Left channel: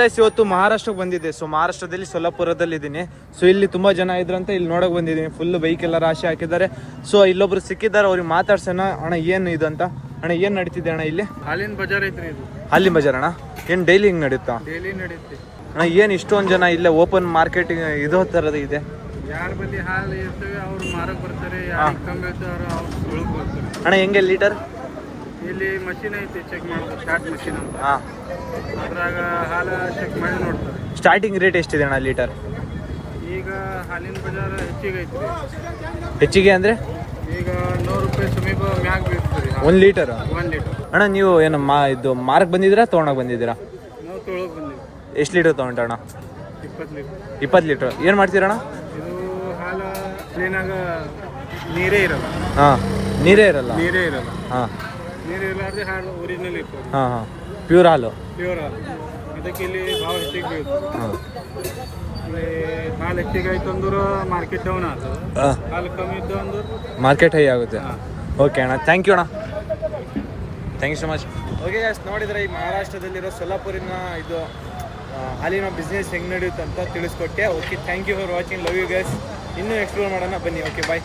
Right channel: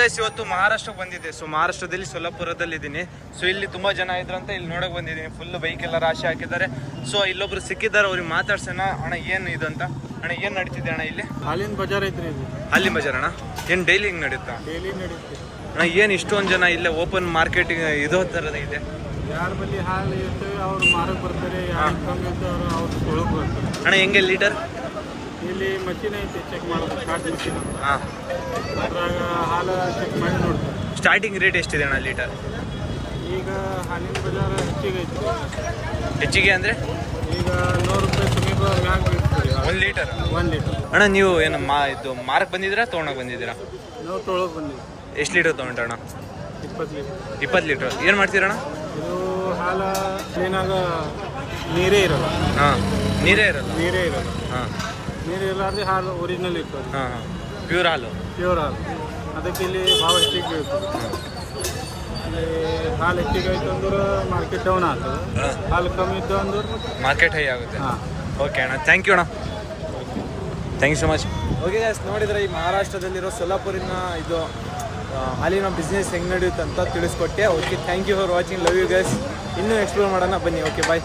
Guys ಇವತ್ತು ಮಹಾರಾಷ್ಟ್ರಕ್ಕೆ ಬಂದಿದ್ದೆ. ಸೊ ಮಹಾರಾಷ್ಟ್ರದಲ್ಲಿ ಸೊಲ್ಲಾಪುರದಲ್ಲಿ ಇದ್ದೀನಿ. ಸೊ ಇಲ್ಲಿ ತುಂಬಾ ಜನ ಇದ್ರಂತ ಇಲ್ಲಿ ನೋಡಕ್ ಬಂದಿದ್ದೀನಿ. ಫುಲ್ ಬೈಕ್ ಎಲ್ಲ ರಾಶಿ ಹಾಕಿದ್ದಾರೆ. ಸೊ ಇಲ್ಲೊಬ್ರು ಸಿಕ್ಕಿದ್ದಾರೆ, ಅವ್ರಿಗೆ ಮಾತಾಡ್ಸೋಣ. ಅಣ್ಣ ಏನು ಇದು ಅಂತ? ಅಣ್ಣ ಏನ್ ನಡೀತಿದೆ ಅಣ್ಣ ಇಲ್ಲಿ? ಹಾಲಿನ ಬಜಾರ್ ಐತ್ರಿ ಇದು. ಹಾಲಿನ ಬಜಾರ್ ಅಣ್ಣ? ಏನ್ ಡೈಲಿ ಹಿಂಗ್ ನಡೀತಾ? ಡೈಲಿ ನಡೆಯುತ್ತೆ ಅಣ್ಣ. ಏನ್ ಇಷ್ಟೊಂದು ಜನ ಇಲ್ಲೇ ಓಪನ್ ಮಾರ್ಕೆಟಿಂಗ್ ಇದೋ ತರದ ಇದೆ? ಯಾರ ಬಲ್ಲಿ ಹಾಲು ಇರ್ತವೆ ಅವ್ರು ಮಾರಕ್ ಬರ್ತಾರೆ, ಯಾರು ಕಮ್ಮಿ ಇರ್ತಾರ ಅವ್ರು ತೊಳಕ್ ಬರ್ತಾರೆ. ಅಣ್ಣ ಹೆಂಗೆ ಲೀಟರ್? ಇಲ್ಲಿ ಮಷೀನ್ ಐತಿ ಚೆಕ್ ಮಾಡೋದು, ಶಾರ್ಟ್ ಮಷೀನ್ ಅಂತ. ಹಾ, ಅದ್ರಾಗ ಹಾಲು ಚೆಕ್ ಮಾಡಿ ನೋಡ್ತಾರೆ. ಸ್ಟಾರ್ಟಿಂಗ್ ರೇಟ್ ಎಷ್ಟಿದೆ ಅಣ್ಣ ಲೀಟರ್? ಈಗ ಹಾಲಿನ ಬಜಾರ್ ಹೆಚ್ಚಿಗೆ ಐತ್ರಿ. ಹೆಚ್ಚಿಗೆ ಅಂದ್ರೆ ಈಗ 100 ರೂಪಾಯಿ ಸಮೀಪ ಮ್ಯಾಗ್ ಬೀಳ್ತೀರಿ 1 ಲೀಟರ್. 1 ಲೀಟರ್. ಅಣ್ಣ ನೀವು ಏನು ಇದು ಮಾರ್ಕ್ ಬಂದಿದ್ದೀರಾ ತೊಗೊಳಕ್ ಬಂದಿದ್ದೀರಾ? ನಾವು ತೊಳಕ್ ಬಂದಿವಿ. ಎಷ್ಟು ಲೀಟರ್ ತೊಗೊಂಡಣ್ಣ? 20 ಲೀಟರ್. 20 ಲೀಟರ್. ಏನು ಮಾಡ್ತೀರಣ್ಣ? ಇದು ಹಾಲು ಕ್ಲೀನಾಗ ನೀರೇ ಇರಲ್ಲ. ಹಾಂ, ನೀರೇ ಇರಲ್ಲ. ನೀರೇ ಇರಲ್ಲ. ಹಾಂ, ನೀರು ಇರಲಾರ್ದೆ ಹಾಲು ಒರಿಜಿನಲ್ ಇರ್ತದೆ. ಹಾಂ ಹಾಂ, ಪ್ಯೂರ್ ಹಾಲು. ಪ್ಯೂರ್ ಹಾಲು. ಅದಕ್ಕೆ ಇಲ್ಲಿ ಭಾವ ಹೆಚ್ಚಿಗೆ ಬೀಳ್ತದೆ. ಹಾಂ, ಇಲ್ಲಿ ಹಾಲು ಹೆಚ್ಚಿಗೆ ಆಯ್ತು ಅಂದ್ರೆ ಮಾರ್ಕೆಟ್ ಡೌನ್ ಆಗ್ತದೆ. ಹಾಂ, ಹಾಲು ಕಮ್ಮಿ ಇದ್ದು ಅಂದ್ರೆ ಮಾರ್ಕೆಟ್ ಹೈ ಆಗುತ್ತೆ. ಹಾಂ. ಓಕೆ ಅಣ್ಣ, ಥ್ಯಾಂಕ್ ಯು ಅಣ್ಣ, thank you so much. Okay guys, ನೋಡಿದರೆ ಈ ಮಹಾರಾಷ್ಟ್ರದಲ್ಲಿರೋ ಸೊಲ್ಲಾಪುರಿನ ಇದು ಹಾಲಿನ ಬಿಸ್ನೆಸ್ ಹೆಂಗೆ ನಡೆಯುತ್ತೆ ಅಂತ ತಿಳಿಸ್ಕೊಟ್ಟೆ. Okay, thank you for watching. Love you guys. ಇನ್ನೂ ಎಕ್ಸ್ಪ್ಲೋರ್ ಮಾಡೋಣ ಬನ್ನಿ. ಓಕೆ, ಬಾಯ್.